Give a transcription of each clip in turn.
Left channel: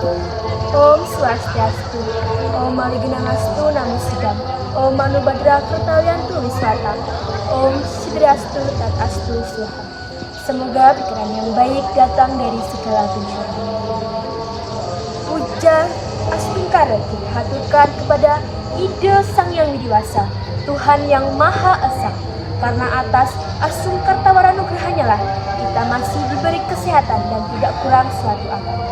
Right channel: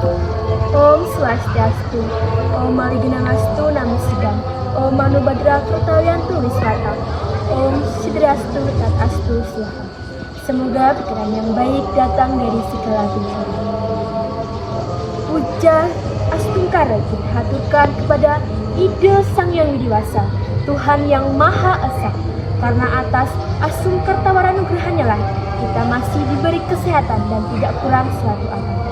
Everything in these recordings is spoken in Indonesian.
Om Swastiastu, Om Maliginastu Namaskar, Om Manubhadra Kartayantu Wisata, Om Sidrastu Tatastu Swaha. Semoga pikiran yang baik datang dari segala penjuru. Puja Astungkara kita haturkan kepada Ida Sang Yang Widiwasa, Tuhan yang Maha Esa. Karena atas Asungkartawara Nugrahannya lah kita masih diberi kesehatan dan tidak kurang suatu apapun.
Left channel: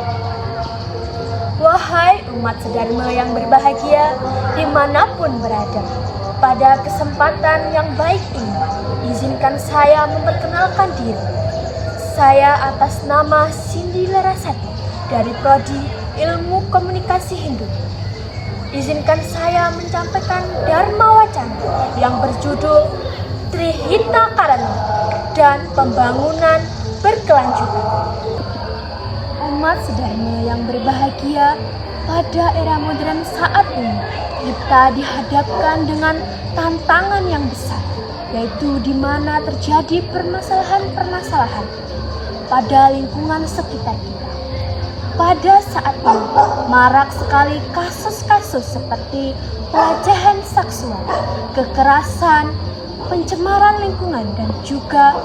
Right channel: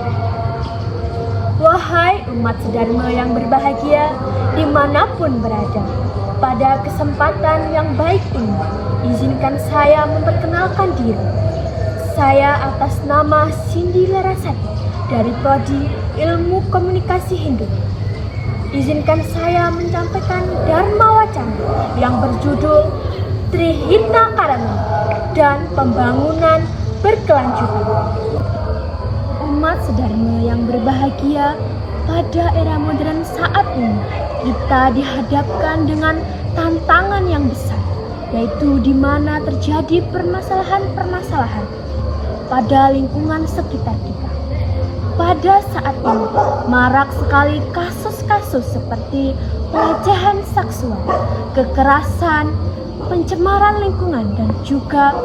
Wahai umat sedharma yang berbahagia dimanapun berada, pada kesempatan yang baik ini, izinkan saya memperkenalkan diri. Saya atas nama Cindy Larasati dari Prodi Ilmu Komunikasi Hindu. Izinkan saya menyampaikan Dharma Wacana yang berjudul Trihita Karana dan Pembangunan Berkelanjutan. Umat sedharma yang berbahagia, pada era modern saat ini kita dihadapkan dengan tantangan yang besar, yaitu di mana terjadi permasalahan-permasalahan pada lingkungan sekitar kita. Pada saat ini marak sekali kasus-kasus seperti pelecehan seksual, kekerasan, pencemaran lingkungan, dan juga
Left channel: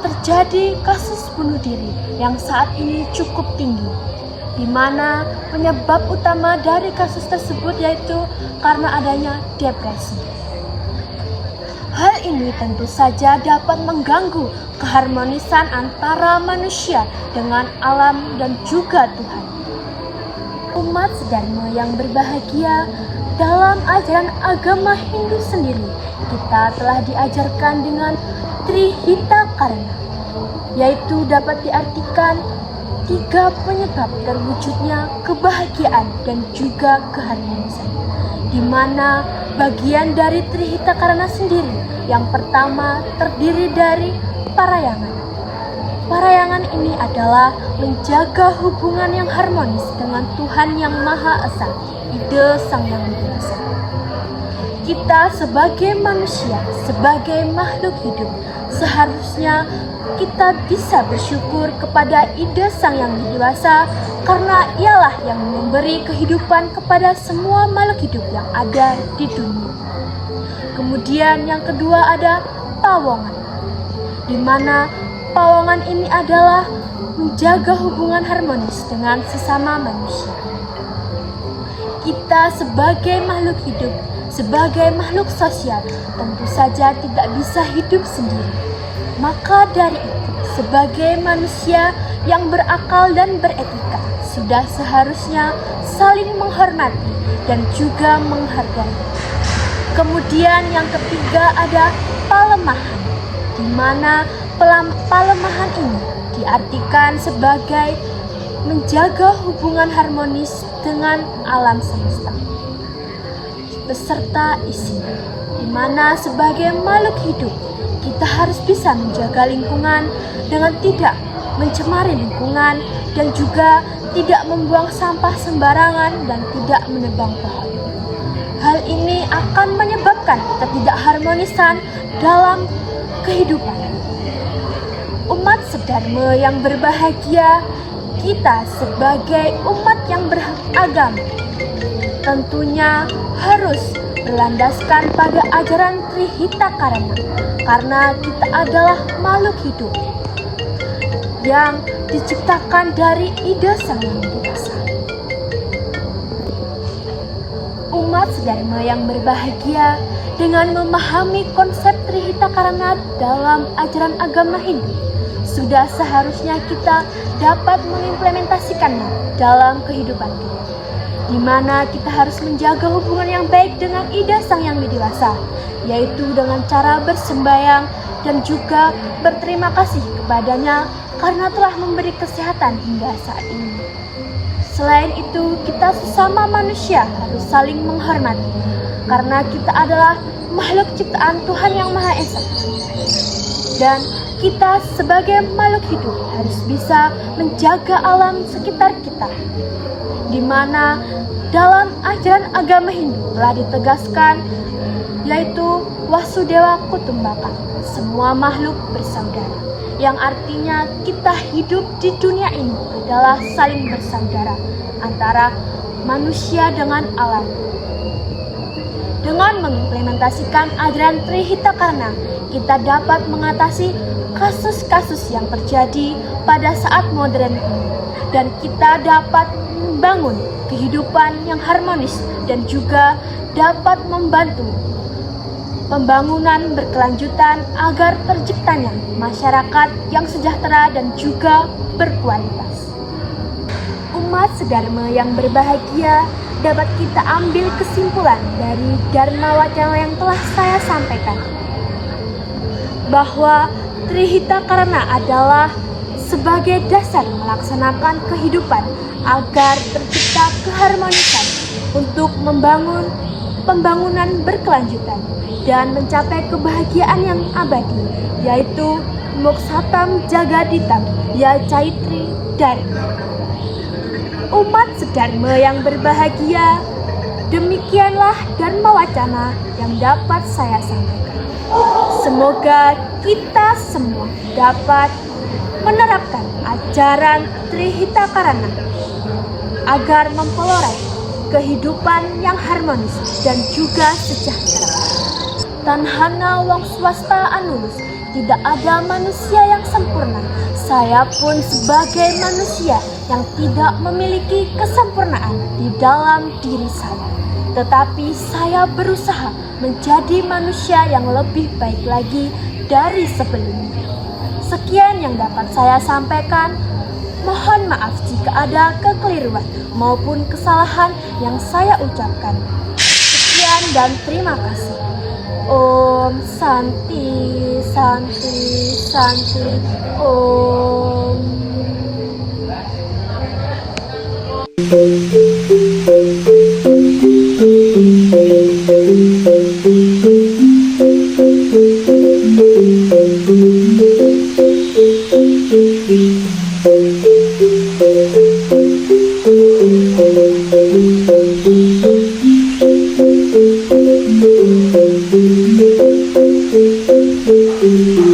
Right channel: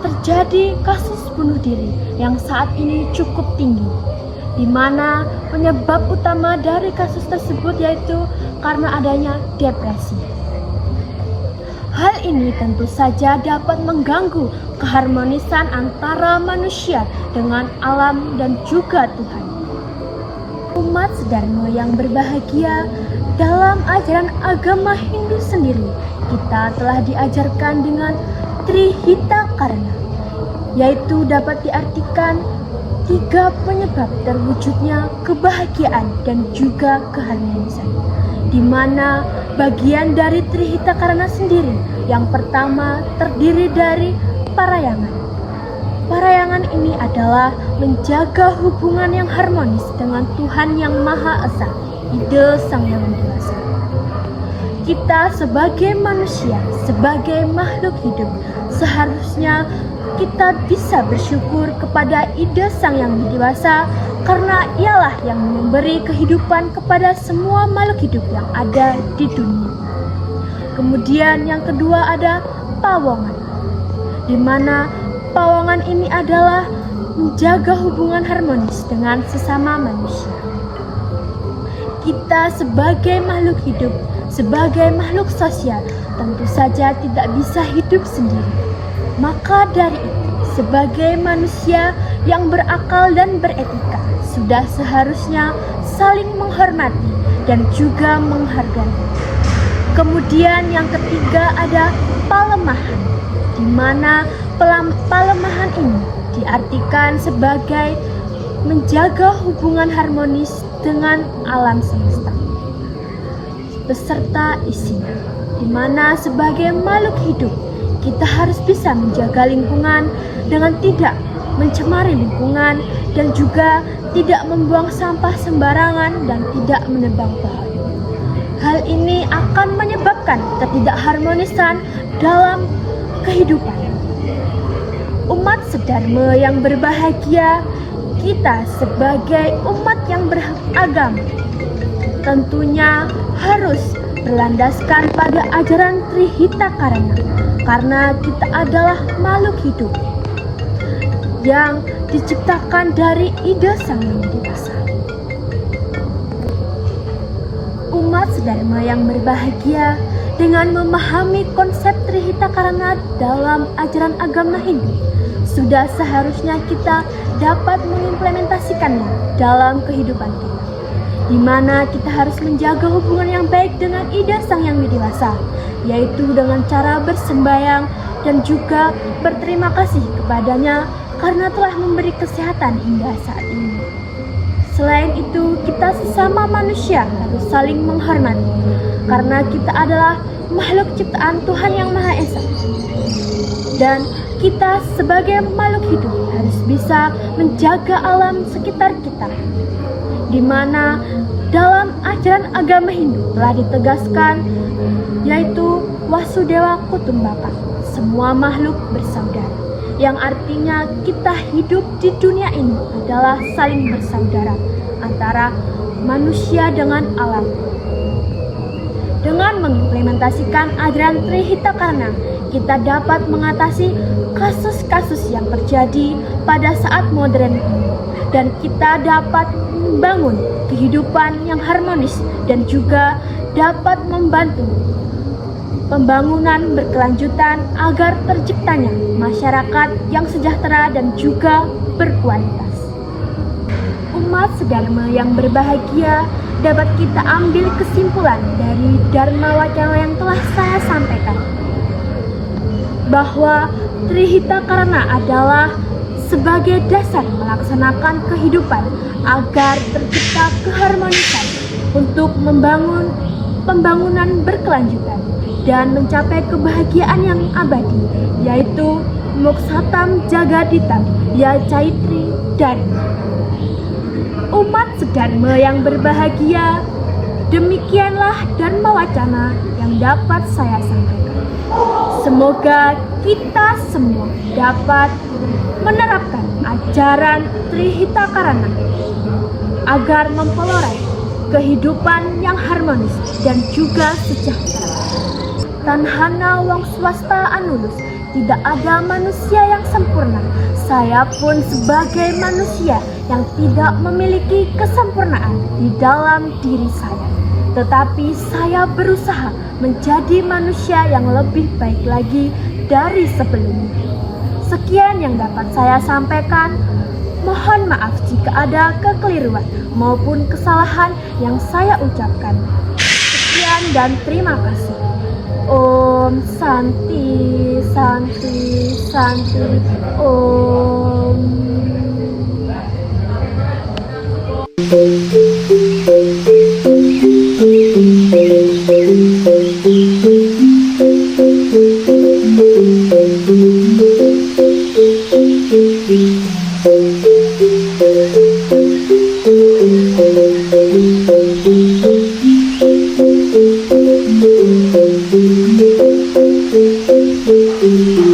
terjadi kasus bunuh diri yang saat ini cukup tinggi, di mana penyebab utama dari kasus tersebut yaitu karena adanya depresi. Hal ini tentu saja dapat mengganggu keharmonisan antara manusia dengan alam dan juga Tuhan. Umat sedharma yang berbahagia, dalam ajaran agama Hindu sendiri, kita telah diajarkan dengan Trihita Karana, yaitu dapat diartikan 3 penyebab terwujudnya kebahagiaan dan juga keharmonisan, di mana bagian dari Trihita Karana sendiri yang pertama terdiri dari parayangan. Parayangan ini adalah menjaga hubungan yang harmonis dengan Tuhan yang Maha Esa, Ida Sang Yang Widiwasa. Kita sebagai manusia, sebagai makhluk hidup, seharusnya kita bisa bersyukur kepada Ida Sang Yang Widiwasa karena ialah yang memberi kehidupan kepada semua makhluk hidup yang ada di dunia. Kemudian yang kedua ada pawongan, di mana pawongan ini adalah menjaga hubungan harmonis dengan sesama manusia. Kita sebagai makhluk hidup, sebagai makhluk sosial, tentu saja tidak bisa hidup sendiri. Maka dari itu, sebagai manusia yang berakal dan beretika, sudah seharusnya saling menghormati dan juga menghargai. Kemudian yang ketiga ada palemahan, di mana palemahan ini diartikan sebagai menjaga hubungan harmonis dengan alam semesta beserta isinya, di mana sebagai makhluk hidup kita harus bisa menjaga lingkungan dengan tidak mencemari lingkungan dan juga tidak membuang sampah sembarangan dan tidak menebang pohon. Hal ini akan menyebabkan ketidakharmonisan dalam kehidupan. Umat sedharma yang berbahagia, kita sebagai umat yang beragama tentunya harus berlandaskan pada ajaran Trihita Karana, karena kita adalah makhluk hidup yang diciptakan dari Ida Sang Yang Widiwasa. Umat sedharma yang berbahagia, dengan memahami konsep Trihita Karana dalam ajaran agama Hindu, sudah seharusnya kita dapat mengimplementasikannya dalam kehidupan kita, di mana kita harus menjaga hubungan yang baik dengan Ida Sang Yang Widiwasa, yaitu dengan cara bersembahyang dan juga berterima kasih kepadanya karena telah memberi kesehatan hingga saat ini. Selain itu, kita sesama manusia harus saling menghormati, karena kita adalah makhluk ciptaan Tuhan yang Maha Esa. Dan kita sebagai makhluk hidup harus bisa menjaga alam sekitar kita, di mana dalam ajaran agama Hindu telah ditegaskan, yaitu Wasudewa Kutumbaka, semua makhluk bersaudara, yang artinya kita hidup di dunia ini adalah saling bersaudara, antara manusia dengan alam. Dengan mengimplementasikan ajaran Trihitakarna, kita dapat mengatasi kasus-kasus yang terjadi pada saat modern ini, dan kita dapat membangun kehidupan yang harmonis dan juga dapat membantu pembangunan berkelanjutan agar terciptanya masyarakat yang sejahtera dan juga berkualitas. Umat sedharma yang berbahagia, dapat kita ambil kesimpulan dari Dharma Wacana yang telah saya sampaikan, bahwa Trihitakarna adalah sebagai dasar melaksanakan kehidupan agar tercipta keharmonisan untuk membangun pembangunan berkelanjutan dan mencapai kebahagiaan yang abadi, yaitu Moksatam Jagaditam Ya Caitri Dharma. Umat sedharma yang berbahagia, demikianlah Dharma Wacana yang dapat saya sampaikan. Semoga kita semua dapat menerapkan ajaran Trihitakarna agar memperoleh kehidupan yang harmonis dan juga sejahtera. Tanhana wong swasta anulus, tidak ada manusia yang sempurna. Saya pun sebagai manusia yang tidak memiliki kesempurnaan di dalam diri saya, tetapi saya berusaha menjadi manusia yang lebih baik lagi dari sebelumnya. Sekian yang dapat saya sampaikan. Mohon maaf jika ada kekeliruan maupun kesalahan yang saya ucapkan. Sekian dan terima kasih. Om Santi, Santi, Santi, Om. Thank you.